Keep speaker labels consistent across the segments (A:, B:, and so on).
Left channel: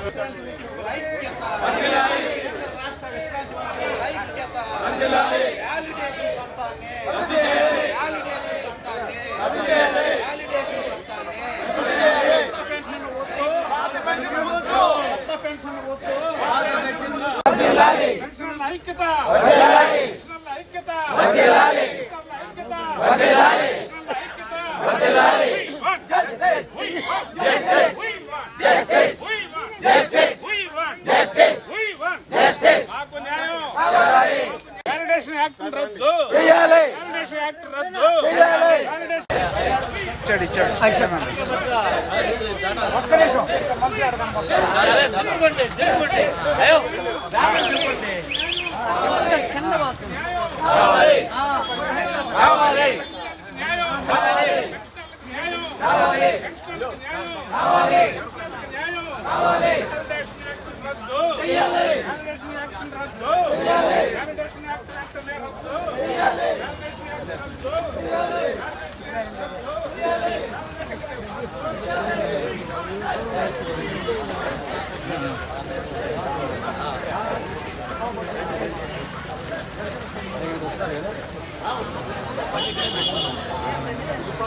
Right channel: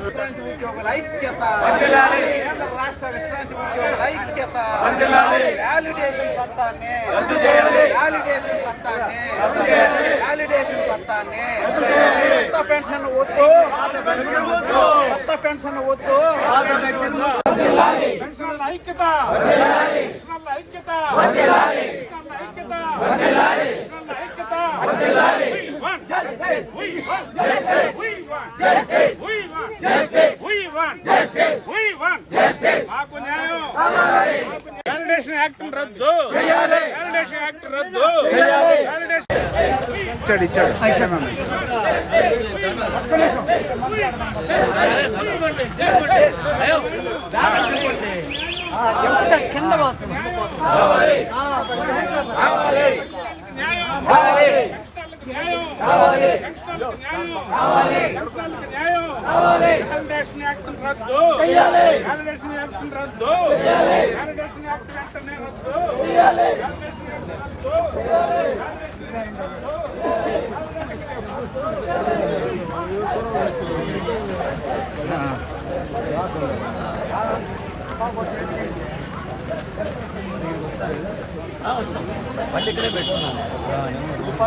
A: విశ్రాంతి ఉద్యోగుల ఐక్యత కేంద్ర రాష్ట్ర విశ్రాంతి ఉద్యోగుల ఐక్యత వ్యాలిడేషన్ చట్టాన్ని వ్యాలిడేషన్ చట్టాన్ని వ్యాలిడేషన్ చట్టాన్ని కొత్త పెన్షన్ వద్దు కొత్త పెన్షన్ వద్దు
B: పెన్షన్ల ఐక్యత ఐక్యత justice. We want justice. We want justice. We want justice. We want justice. We want justice. మాకు న్యాయం వ్యాలిడేషన్ యాక్ట్ రద్దు చేయాలి వ్యాలిడేషన్ యాక్ట్ రద్దు చేయాలి వ్యాలిడేషన్
A: ఇచ్చాడు ఇచ్చాడు
B: న్యాయం న్యాయం. కావాలి. న్యాయం. కావాలి. న్యాయం. కావాలి. వ్యాలిడేషన్ యాక్ట్ రద్దు. చేయాలి వ్యాలిడేషన్ యాక్ట్ రద్దు. చేయాలి వ్యాలిడేషన్ యాక్ట్ చట్టమే రద్దు. చేయాలి
A: కొత్త పెన్షన్ వద్దు కొత్త పెన్షన్ వద్దు కొత్త పెన్షన్ వద్దు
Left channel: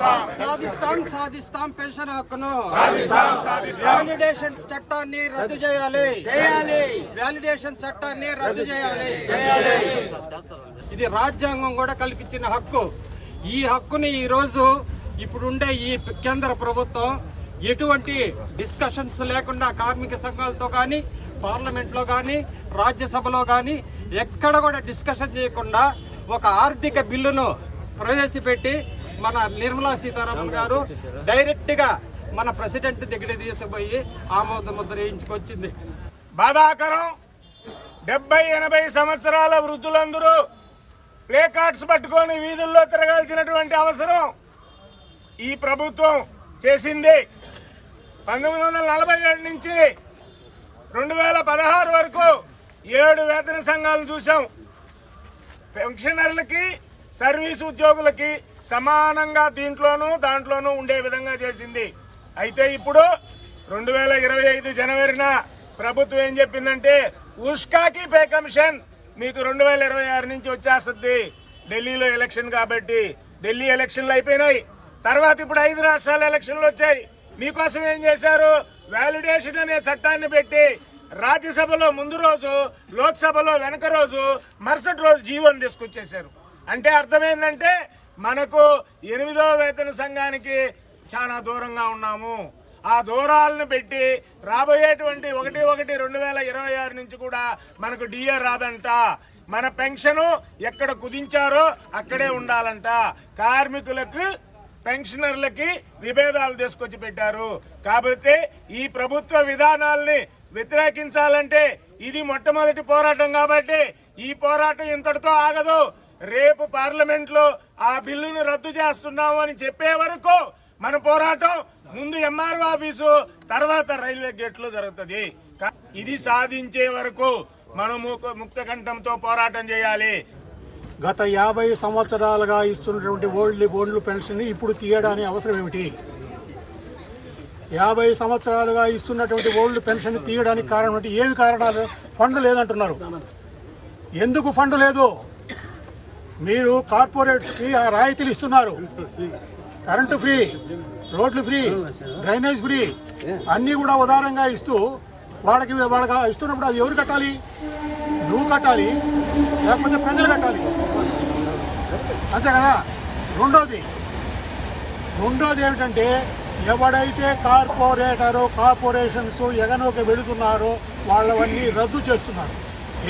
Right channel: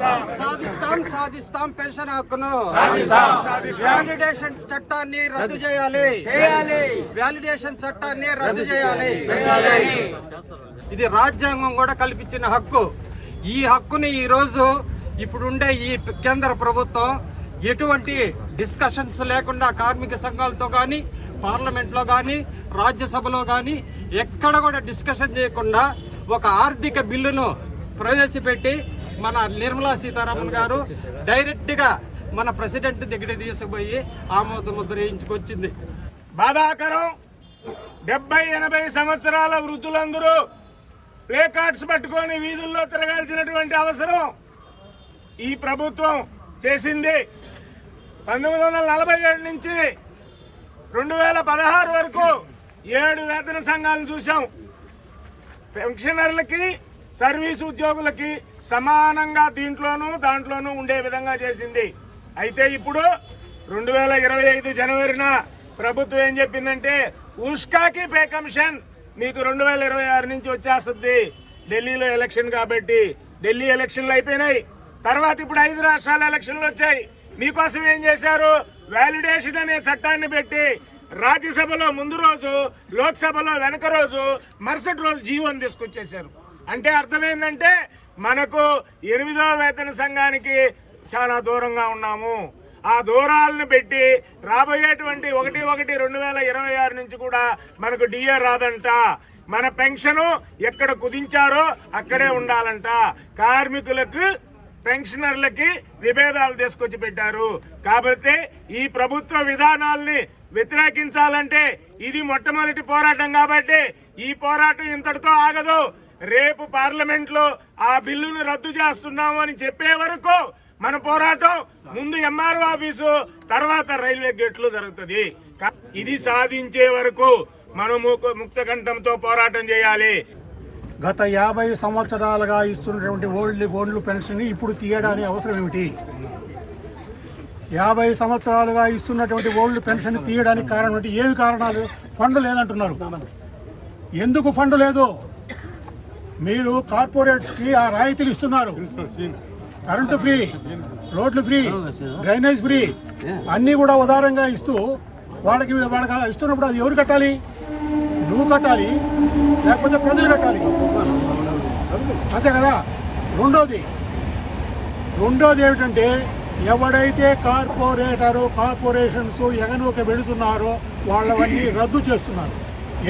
C: సాధిస్తాం. సాధిస్తాం పెన్షన్ హక్కును. వ్యాలిడేషన్ చట్టాన్ని రద్దు చేయాలి. చేయాలి. వ్యాలిడేషన్ చట్టాన్ని రద్దు చేయాలి. ఇది రాజ్యాంగం కూడా కల్పించిన హక్కు. ఈ హక్కుని ఈ రోజు ఇప్పుడుండే ఈ కేంద్ర ప్రభుత్వం ఎటువంటి డిస్కషన్స్ లేకుండా కార్మిక సంఘాలతో కానీ పార్లమెంట్లో కానీ రాజ్యసభలో కానీ ఎక్కడ కూడా డిస్కషన్ చేయకుండా ఒక ఆర్థిక బిల్లును ప్రవేశపెట్టి మన నిర్మలా సీతారామన్ గారు డైరెక్ట్గా మన ప్రెసిడెంట్ దగ్గర తీసుకుపోయి ఆమోద ముద్ర వేయించుకొచ్చింది.
B: బాధాకరం! డెబ్బై ఎనభై సంవత్సరాల వృద్ధులందరూ ప్లే కార్డ్స్ పట్టుకొని వీధుల్లో తిరగాల్సినటువంటి అవసరం ఈ ప్రభుత్వం చేసింది. పంతొమ్మిది వందల నలభై ఏడు నుంచి రెండు వేల పదహారు వరకు ఏడు వేతన సంఘాలను చూసాం పెన్షనర్లకి సర్వీస్ ఉద్యోగులకి సమానంగా దీంట్లోనూ దాంట్లోనూ ఉండే విధంగా చేసింది. అయితే ఇప్పుడు రెండు వేల ఇరవై ఐదు జనవరిన ప్రభుత్వం ఏం చెప్పిందంటే ఉష్కాకి పే కమిషన్ మీకు రెండు వేల ఇరవై ఆరు నుంచి వచ్చేస్తుంది. ఢిల్లీలో ఎలక్షన్ కాబట్టి ఢిల్లీ ఎలక్షన్లు అయిపోయినాయి. తర్వాత ఇప్పుడు ఐదు రాష్ట్రాల ఎలక్షన్లు వచ్చాయి. మీకోసం ఏం చేశారు? వ్యాలిడేషన్ అనే చట్టాన్ని పెట్టి రాజ్యసభలో ముందు రోజు లోక్సభలో వెనక రోజు మరుసటి రోజు జీవోని తీసుకొచ్చేశారు. అంటే అర్థమైందంటే మనకు ఎనిమిదో వేతన సంఘానికి చాలా దూరంగా ఉన్నాము. ఆ దూరాలను పెట్టి రాబోయేటువంటి ఒకటి ఒకటి రెండు వేల ఇరవై ఆరు నుంచి కూడా మనకు డిఏ రాదంట. మన పెన్షన్ ఎక్కడ కుదించారో అక్కడే ఉండాలంట. కార్మికులకు పెన్షనర్లకి విభేదాలు తీసుకొచ్చి పెట్టారు. కాబట్టి ఈ ప్రభుత్వ విధానాల్ని వ్యతిరేకించాలంటే ఇది మొట్టమొదటి పోరాటం కాబట్టి ఈ పోరాటం ఇంతటితో ఆగదు. రేపు పార్లమెంట్లో ఆ బిల్లును రద్దు చేస్తున్నాము అని చెప్పే వరకు మన పోరాటం ముందు ఎంఆర్ఓ ఆఫీసు తర్వాత రైల్వే గేట్లు జరుగుతుంది. ఇది సాధించే వరకు మనం ముక్త కంఠంతో పోరాటం చేయాలి.
D: గత యాభై సంవత్సరాలుగా ఇస్తున్నటువంటి ఓల్డ్ ఓల్డ్ పెన్షన్ ఇప్పుడు తీయడానికి అవసరం ఏమిటి? యాభై సంవత్సరాలుగా ఇస్తున్నటువంటి ఓల్డ్ పెన్షన్ తీయడానికి కారణం ఏమి కారణాలు? ఫండ్ లేదంటున్నారు. ఎందుకు ఫండ్ లేదు? మీరు కార్పొరేట్స్కి ఆ రాయితీలు ఇస్తున్నారు. కరెంటు ఫ్రీ రోడ్లు ఫ్రీ డ్రైనేజ్ ఫ్రీ అన్నీ కూడా ఉదారంగా ఇస్తూ వాళ్ళకి వాళ్ళకి ఇస్తున్నప్పుడు అది ఎవరు కట్టాలి? నువ్వు కట్టాలి లేకపోతే ప్రజలు కట్టాలి. అంతే కదా? రెండోది రెండోది ఏమిటంటే ఎవడైతే కార్పొరేటరు కార్పొరేషన్స్ ఎగనోకి వెళుతున్నారో వాళ్ళవన్నీ రద్దు చేస్తున్నారు.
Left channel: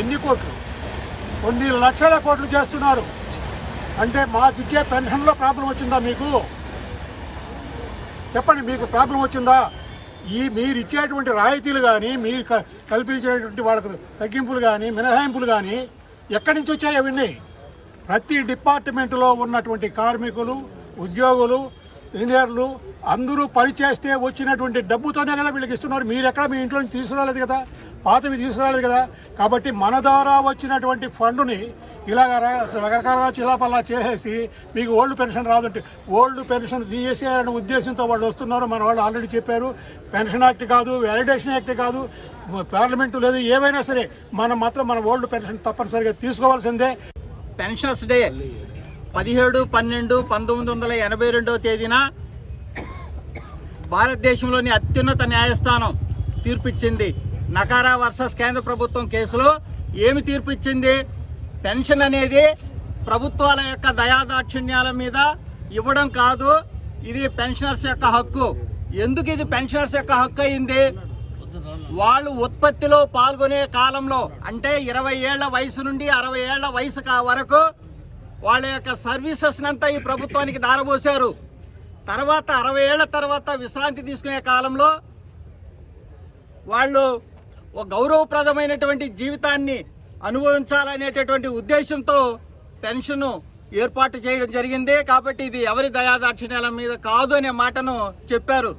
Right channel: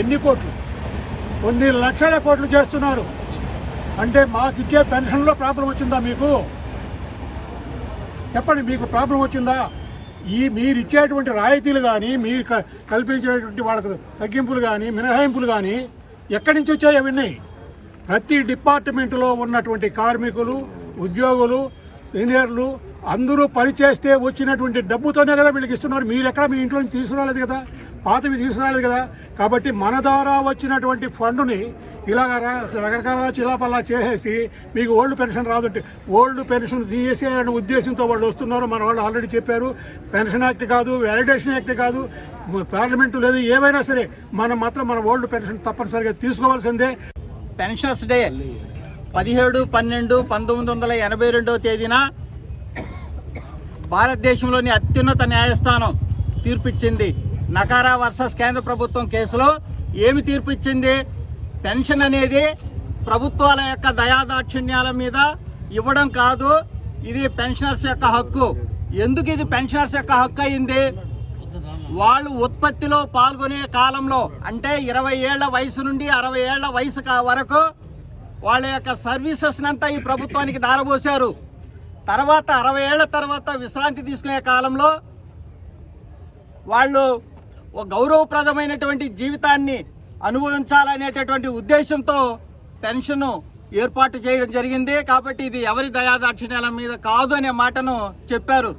D: ఎన్ని కోట్లు? కొన్ని లక్షల కోట్లు చేస్తున్నారు. అంటే మాకు ఇచ్చే పెన్షన్లో ప్రాబ్లం వచ్చిందా మీకు? చెప్పండి మీకు ప్రాబ్లం వచ్చిందా? ఈ మీరు ఇచ్చేటువంటి రాయితీలు కానీ మీరు క- కల్పించేటువంటి వాళ్ళకు తగ్గింపులు కానీ మినహాయింపులు కానీ ఎక్కడి నుంచి వచ్చాయి అవన్నీ ప్రతి డిపార్ట్మెంట్లో ఉన్నటువంటి కార్మికులు ఉద్యోగులు సీనియర్లు అందరూ పనిచేస్తే వచ్చినటువంటి డబ్బుతోనే కదా వీళ్ళకి ఇస్తున్నారు. మీరు ఎక్కడ మీ ఇంట్లో తీసుకురాలేదు కదా? పాతవి తీసుకురాలేదు కదా? కాబట్టి మన ద్వారా వచ్చినటువంటి ఫండుని ఇలాగ రా- రకరకాలుగా చిలాపల్లా చేసేసి మీకు ఓల్డ్ పెన్షన్ రాదంటే ఓల్డ్ పెన్షన్ తీసేయాలనే ఉద్దేశంతో వాళ్ళు వస్తున్నారు. మన వాళ్ళు ఆల్రెడీ చెప్పారు. పెన్షన్ యాక్ట్ కాదు వ్యాలిడేషన్ యాక్ట్ కాదు పార్లమెంటు లేదు ఏవైనా సరే మనం మాత్రం మన ఓల్డ్ పెన్షన్ తప్పనిసరిగా తీసుకోవాల్సిందే.
E: పెన్షనర్స్ డే పదిహేడు పన్నెండు పంతొమ్మిది వందల ఎనభై రెండవ తేదీన భారతదేశంలోని అత్యున్నత న్యాయస్థానం తీర్పిచ్చింది నకారా వర్సెస్ కేంద్ర ప్రభుత్వం కేసులో. ఏమి తీర్పు ఇచ్చింది పెన్షన్ అనేది ప్రభుత్వాల యొక్క దయాదాక్షిణ్యాల మీద ఇవ్వడం కాదు ఇది పెన్షనర్స్ యొక్క హక్కు. ఎందుకు ఇది పెన్షనర్స్ యొక్క హక్కు అయింది? వాళ్ళు ఉత్పత్తిలో పాల్గొనే కాలంలో అంటే ఇరవై ఏళ్ళ వయసు నుండి అరవై ఏళ్ళ వయసు వరకు వాళ్ళ యొక్క సర్వీసెస్నంతా ఈ ప్రభుత్వానికి దారబోశారు. తర్వాత అరవై ఏళ్ళ తర్వాత విశ్రాంతి తీసుకునే కాలంలో వాళ్ళు ఒక గౌరవప్రదమైనటువంటి జీవితాన్ని అనుభవించాలనేటటువంటి ఉద్దేశంతో పెన్షన్ ఏర్పాటు చేయడం జరిగింది. కాబట్టి ఇది ఎవరి దయాదాక్షిణ్యాల మీద కాదు అనే మాటను చెప్పారు.